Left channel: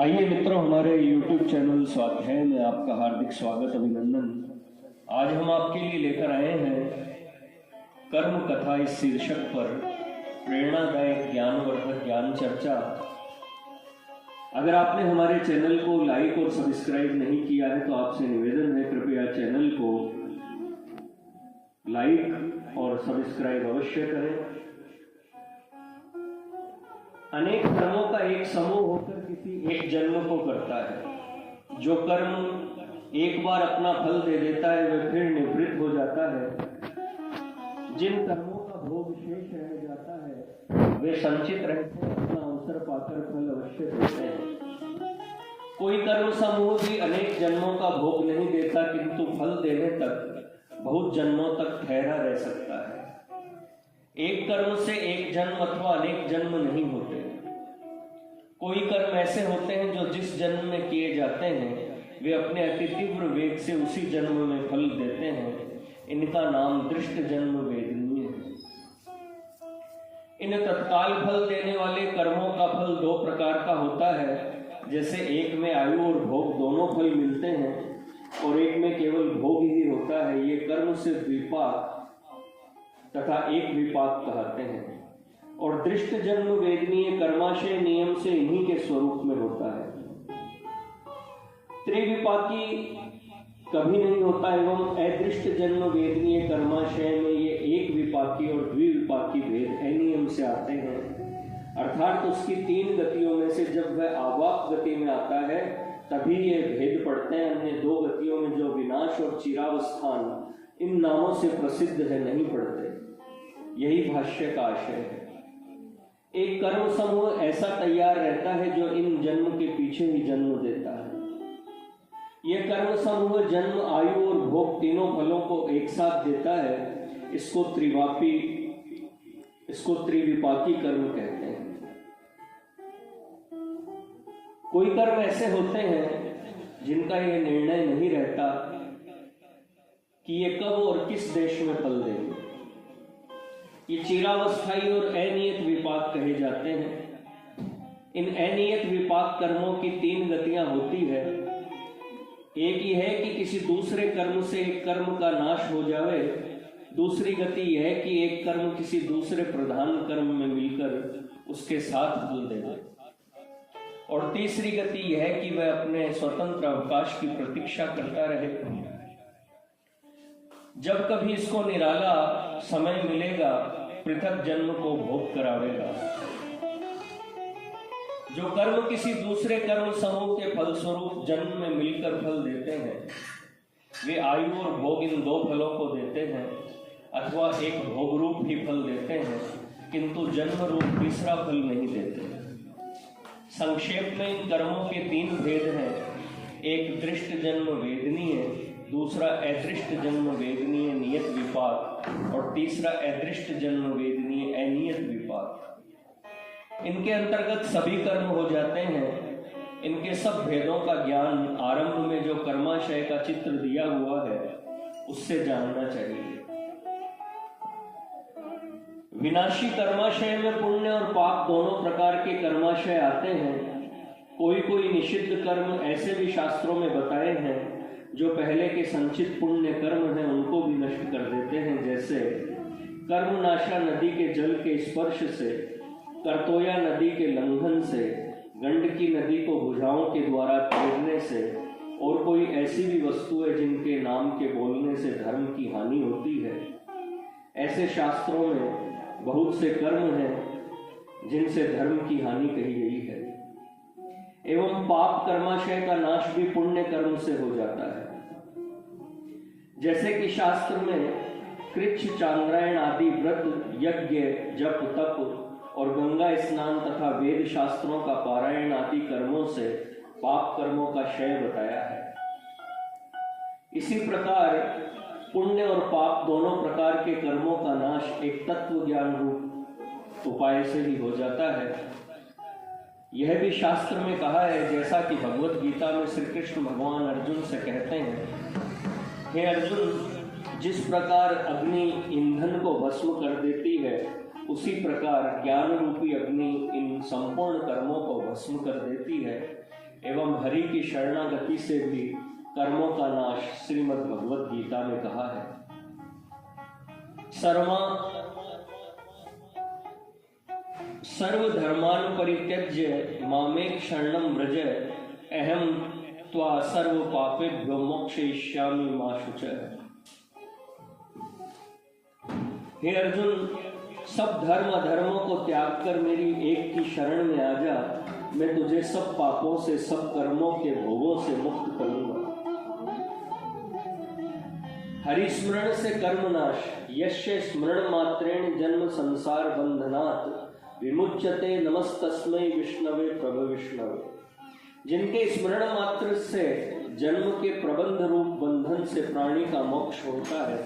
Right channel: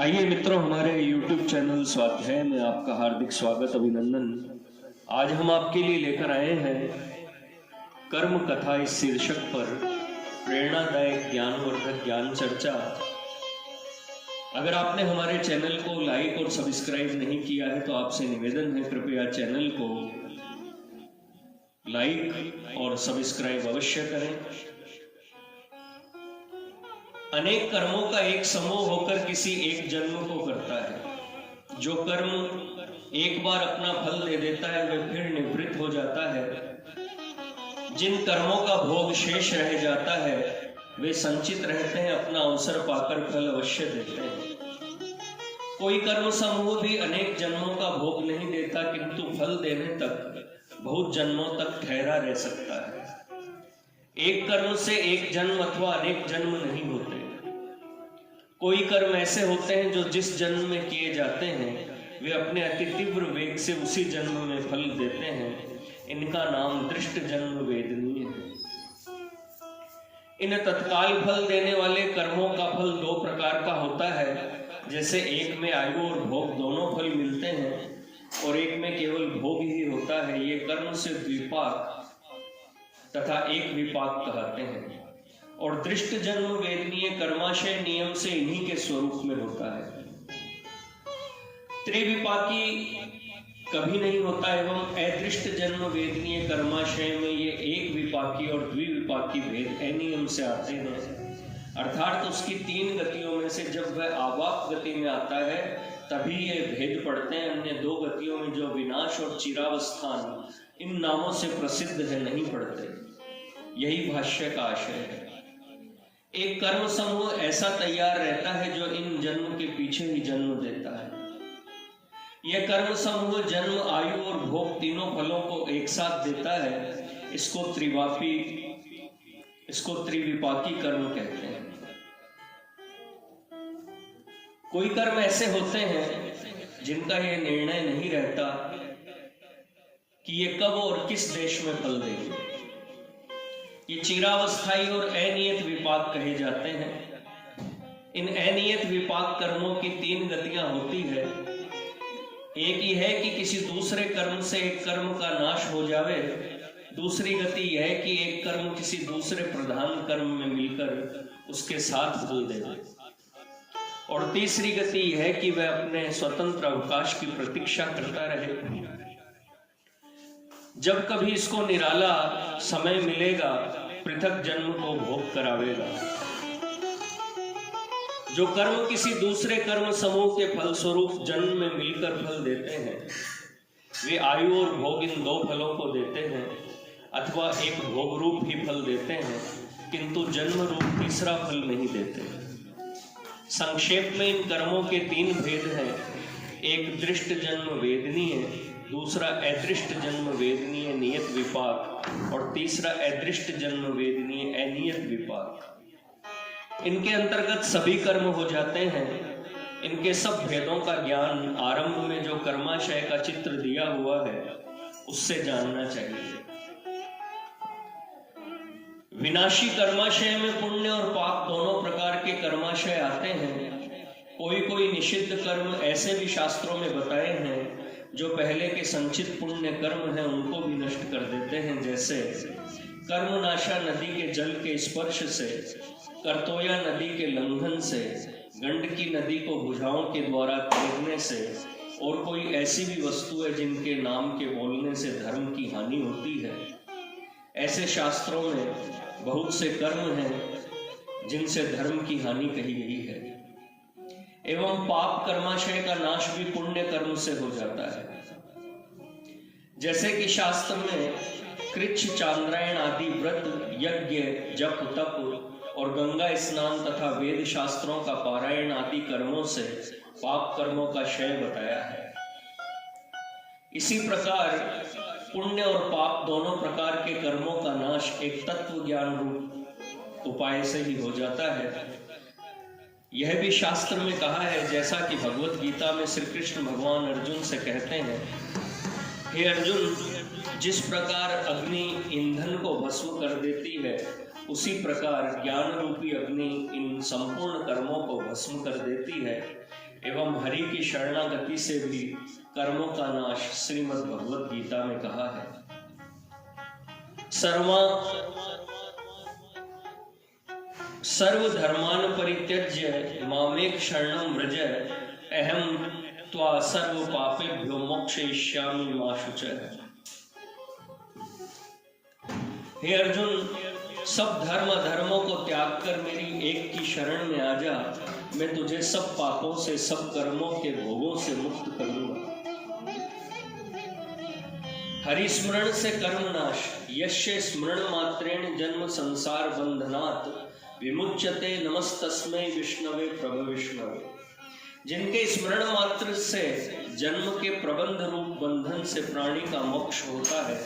आइए मित्रों, हमारे YouTube चैनल स्वाध्याय में आपका हार्दिक स्वागत, अभिनंदन। आज हम आपके लिए लेकर आए हैं कर्म कथा इस शीर्षक पर प्रेरणादायक ज्ञानवर्धक ज्ञान चर्चा। अगर आपने हमारे चैनल को लाइक और सब्सक्राइब नहीं किया है तो आपसे निवेदन है, कृपया चैनल को लाइक और सब्सक्राइब अवश्य करें। अनेक कर्मों का एक समूह होकर किसी एक जन्म को करता है। जो कर्म एक बार अपना फल दे देता है वह फिर निवृत्त हो जाता है। जिन कर्मों का भोग शेष रह जाता है वे संचित रहते हैं, अपना अवसर पाकर फल अवश्य देते हैं। कोई कर्म समूह भी अनेक जन्मों का भोग नहीं देता, किंतु फल देने तक बहुत जन्मों तक ठहरा रह सकता है। एक कर्म से एक जन्म अथवा अनेक जन्म नहीं होते। कोई कर्म ऐसे होते हैं जो जिस जन्म में किए जाते हैं वे अपने अति तीव्र वेग से उसी जन्म में फल देते हैं। इनका नाम दृष्ट जन्म वेदनीय है। इन तत्काल फल देने वाले कर्मों का फल दो प्रकार का होता है। जैसे एक में आयु और भोग दोनों फल मिलते हैं और एक में केवल भोग ही होता है। ये कर्म से द्विपाक तथा एक विपाक कहते हैं। और दृष्ट जन्म वेदनीय कर्माशय नियम से इन्हीं के स्वरूप में होता है। त्रिविपाकी कभी नहीं होता एवं अदृष्ट जन्म वेदनीय कर्माशय में ये एक विपाकी और द्विविपाकी भेद अनियम से आते हैं। अर्थात उसकी तीन गतियों में से जब वह आवाप गति में आता है तभी ये भेद पड़ते हैं। अन्य दो गतियों में जो विनाश और चिरावस्थान इन नामों से प्रसिद्ध है नहीं पड़ते। यही भाष्य का आशय है। एक कर्म समूह ऐसा तैयार रहता है जो इन जन्म के पीछे ही जन्म देता है। यह कर्म समूह जन्म, आयु और भोग तीनों फलों को एक साथ देता है। इसको त्रिविपाकी कर्म कहते हैं। कोई कर्म ऐसे होते हैं जिनका यह निर्णय नहीं रहता कि ये कब और किस देश में फल देंगे। ये चिरावस्थाई और अनियत विपाक कहे जाते हैं। इन अनियत विपाक कर्मों की तीन गतियां होती है। एक ही है कि किसी दूसरे कर्म से एक कर्म का नाश हो जावे। दूसरी गति यह है कि एक कर्म किसी दूसरे प्रधान कर्म में मिलकर उसके साथ फल दे दे। और तीसरी गति यह है कि वह अपने स्वतंत्र अवकाश की प्रतीक्षा करता रहे। जब कभी इसको निराला समय मिलेगा पृथक जन्म को भोग करावेगा। जो कर्म किसी दूसरे कर्म समूह के फलस्वरूप जन्म में मिलकर फल देते हैं वे आयु और भोग इन दो फलों को देते हैं, अथवा एक भोग रूप ही फल देते हैं किंतु जन्म रूप तीसरा फल नहीं देते। संक्षेप में इन कर्मों के तीन भेद हैं। एक दृष्ट जन्म वेदनीय, दूसरा अदृष्ट जन्म वेदनीय नियत विपाक और तीसरा अदृष्ट जन्म वेदनीय अनियत विपाक। इनके अंतर्गत सभी कर्म हो जाते हैं। इनके सब भेदों का ज्ञान आरंभ में जो कर्माशय का चित्र दिया हुआ है उससे जानना चाहिए। विनाशी कर्माशय में पुण्य और पाप दोनों प्रकार के कर्माशय आते हैं। कोई निषिद्ध कर्म ऐसे भी शास्त्रों में बताए हैं जो पहले के संचित पुण्य कर्म हैं उनको भी नष्ट कर देते हैं। जैसे कर्मनाशा नदी के जल के स्पर्श से, करतोया नदी के लंघन से, गंडकी नदी को भुजाओं के द्वारा तैरने से और कोई ऐसी भी वस्तु है जिनके नाम के बोलने से धर्म की हानि होती है। ऐसे शास्त्रों में बहुत से कर्म हैं जिनसे धर्म की हानि कही गई है। एवं पाप कर्माशय का नाश भी पुण्य कर्म से हो जाता है। जैसे कि शास्त्र में कृच्छ, चांद्रायण आदि व्रत, यज्ञ, जप, तप और गंगा स्नान तथा वेद शास्त्रों का पारायण आदि कर्मों से पाप कर्मों का क्षय बताया है। इसी प्रकार पुण्य और पाप दोनों प्रकार के कर्मों का नाश एक तत्व ज्ञान रूप उपाय से ही हो जाता है। यह भी शास्त्र में कहा है, जैसा कि भगवत गीता में श्री कृष्ण भगवान अर्जुन से कहते हैं, हे अर्जुन, जिस प्रकार अग्नि ईंधन को भस्म कर देती है उसी प्रकार ज्ञान रूपी अग्नि इन संपूर्ण कर्मों को भस्म कर देती है। एवं हरि की शरणागति से भी कर्मों का नाश श्रीमद् भगवत गीता में कहा है। सर्वधर्मान परित्यज्य मामेक शरणं व्रज अहं त्वा सर्व पापेभ्यो मोक्षयिष्यामि मा शुचः। हे अर्जुन, सब धर्म अधर्मों को त्याग कर मेरी एक की शरण में आ जा, मैं तुझे सब पापों से, सब कर्मों के भोगों से मुक्त करूंगा। हरिस्मरण से कर्मनाश, यस्य स्मरण मात्रेण जन्म संसार बंधनात् विमुच्यते नमस्तस्मै विष्णवे प्रभ विष्णवे। जिनके स्मरण मात्र से जन्म के प्रबंध रूप बंधन से प्राणी का मोक्ष होता है,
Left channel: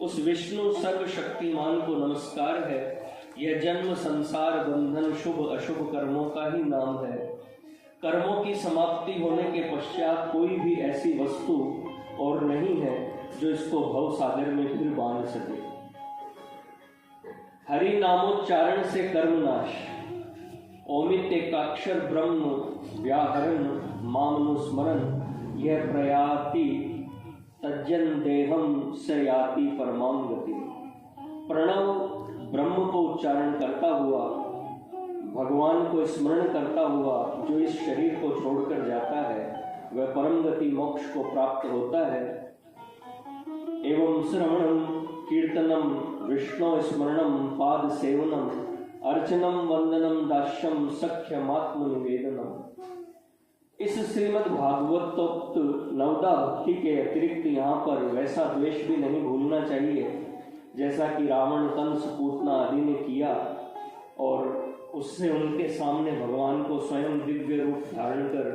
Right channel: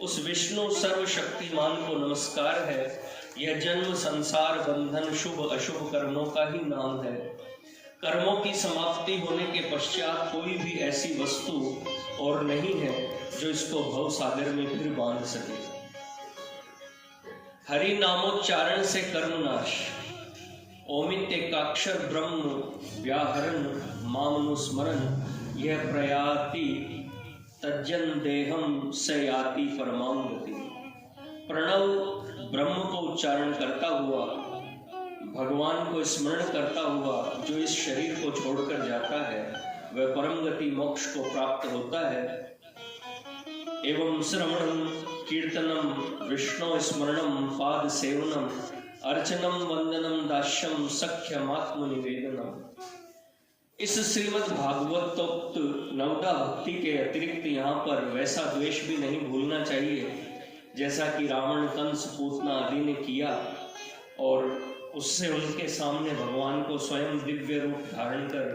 उस विष्णु सर्वशक्तिमान को नमस्कार है। यह जन्म संसार बंधन शुभ अशुभ कर्मों का ही नाम है। कर्मों की समाप्ति होने के पश्चात कोई भी ऐसी वस्तु और नहीं है जो इसको भव सागर में फिर बांध सके। हरि नामोच्चारण से कर्मनाश, ओमित्येकाक्षर ब्रह्म व्याहरण मामनुस्मरण यह प्रयाति तज्जन देहम से याति परमां गति। प्रणव ब्रह्म को उच्चारण करता हुआ, भगवान को स्मरण करता हुआ जो इस शरीर को छोड़कर जाता है, वह परम गति मोक्ष को प्राप्त होता है। एवं श्रवणम कीर्तनम विष्णु स्मरणम पाद सेवनम अर्चनम वंदनम दास्यम सख्यमात्म निवेदनम। इस श्रीमद् भागवतोक्त नवदा भक्ति के अतिरिक्त यहाँ पर वैसा द्वेष भी नहीं भूलना चाहिए जैसा कि रावण, कंस, पूतना आदि ने किया और उससे उनके सामने भगवान को स्वयं दिव्य रूप धारण कर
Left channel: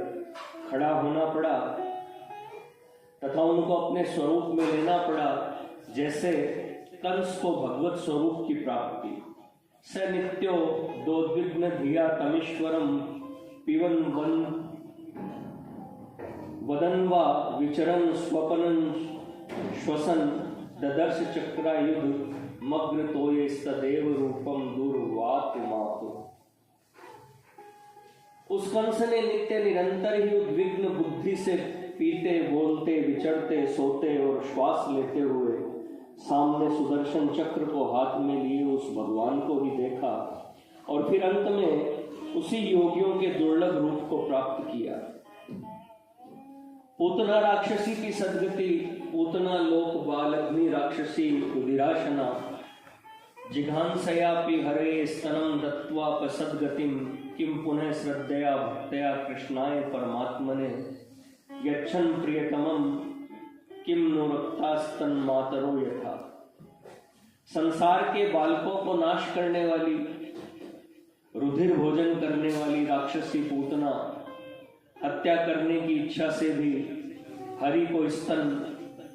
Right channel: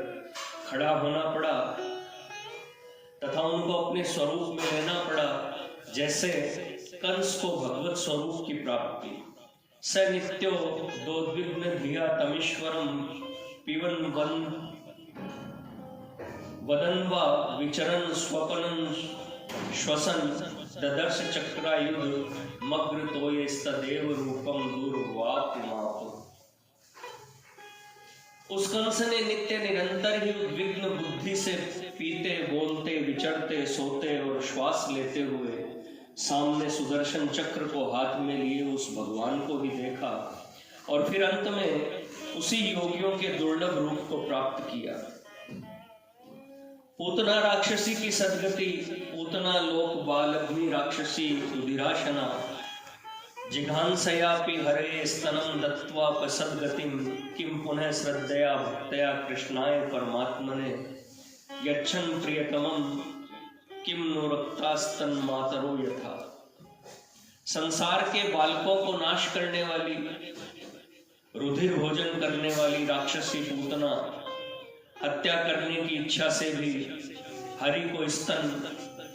खड़ा होना पड़ा तथा उनको अपने स्वरूप में लेना पड़ा। जैसे कंस को भगवत स्वरूप की प्राप्ति, स नित्यो दोद्विग्न धिया तमीश्वरम पिबन वदन्वा विचरन स्वपनन श्वसन ददर्श चक्रायुध मग्र तोये सदैव रूपम दुर्वाप माप। उस कंस ने नित्य निरंतर ही उद्विग्न बुद्धि से पीते, बोलते, विचरते, सोते और श्वास लेते हुए सामने सुदर्शन चक्र को हाथ में लिए उस भगवान को ही देखा और फिर अंत में उसी योगियों के दुर्लभ रूप को प्राप्त किया। पूतना राक्षसी की सदगति, पूतना लोक बाल अग्नि राक्षसी रुधिराशना जिघांसयापि हरे स्तनम दत्त्वा सद्गतिम किम पुनः श्रद्धया भक्तया कृष्णाय परमात्मने यच्छन प्रियतमम किम नो रक्तास्तन मातरो यथा। संसार के बालकों को नाश करने वाली, रुधिर भोजन करने वाली राक्षसी पूतना हत्या करने की इच्छा से भी हरि को स्तन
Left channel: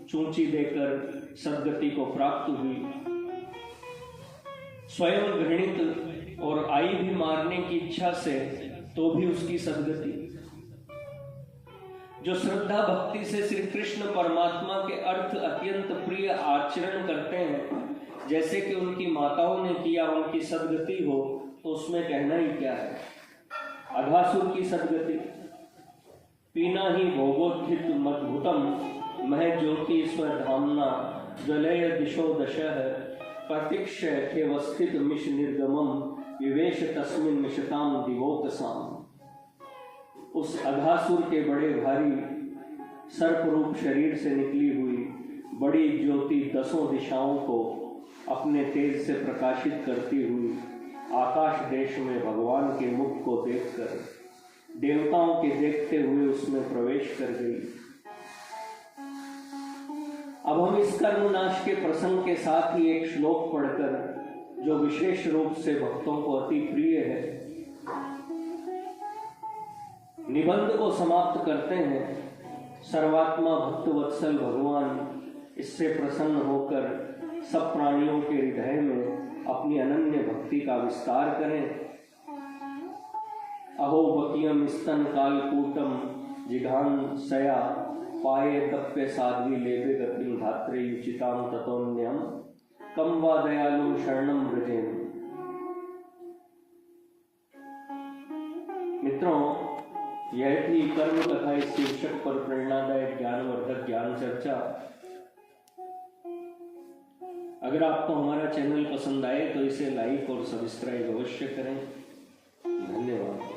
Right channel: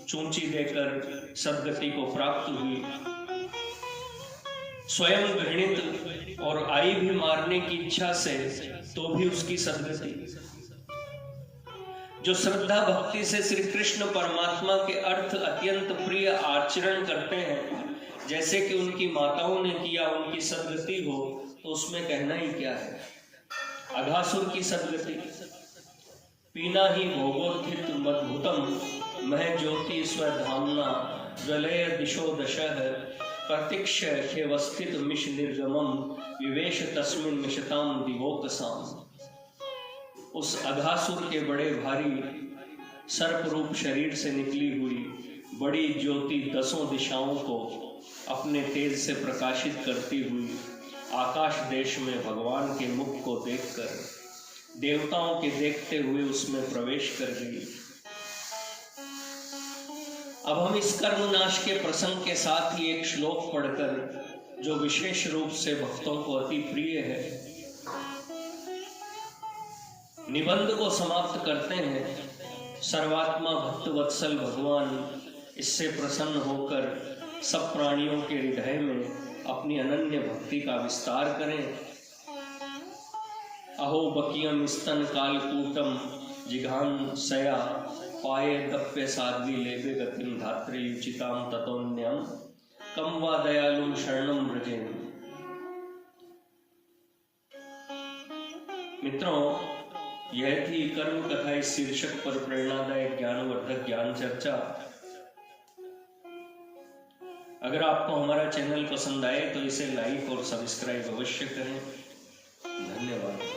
चूंची देकर सद्गति को प्राप्त हुई। स्वयं घृणित और आई भी मारने की इच्छा से तो भी उसकी सद्गति। जो श्रद्धा भक्ति से श्री कृष्ण परमात्मा के अर्थ अत्यंत प्रिय आचरण करते हैं, जैसे कि उनकी माताओं ने किया, उनकी सद्गति हो तो उसमें कहना ही क्या है। अघासुर की सद्गति, पीना ही भोगोत्थित मद्भुतम मह ज्योति स्वधामना ज्वलय दिशो दशः प्रतीक्ष खेवस्थित मिश निर्गमम विवेश तस्मिन् निशताम दिवोकसाम। उस अघासुर के बड़े भारी सर्प रूप शरीर से निकली हुई बड़ी ज्योति दसों दिशाओं को अपने तेज से प्रकाशित करती हुई आकाश देश में भगवान के मुख को देखकर देवताओं के देखते हुए उसमें प्रवेश कर गई। अब हम इस कर्मनाश के प्रसंग के साथ ही एक श्लोक पढ़कर, जो विशेष रूप से भक्तों को अति प्रिय है, निबंध को समाप्त करते हैं। सर्वात्मा भक्त वत्सल भगवान इससे प्रसन्न होकर सब प्राणियों के हृदय में अपनी अनन्य भक्ति का विस्तार करें। अहो बकियम स्तन कालकूटम जिघान सया पाये तप्य साध्वी लेबे गतिम धात्रे युचिताम ततोन्यम कम वा दयालु शरणम व्रजेम। मित्रों, यह थी कर्म कथा इस शीर्षक पर प्रेरणादायक ज्ञानवर्धक ज्ञान चर्चा। अगर आपको हमारा चैनल पसंद आए तो इसे लाइक और सब्सक्राइब अवश्य करें। धन्यवाद।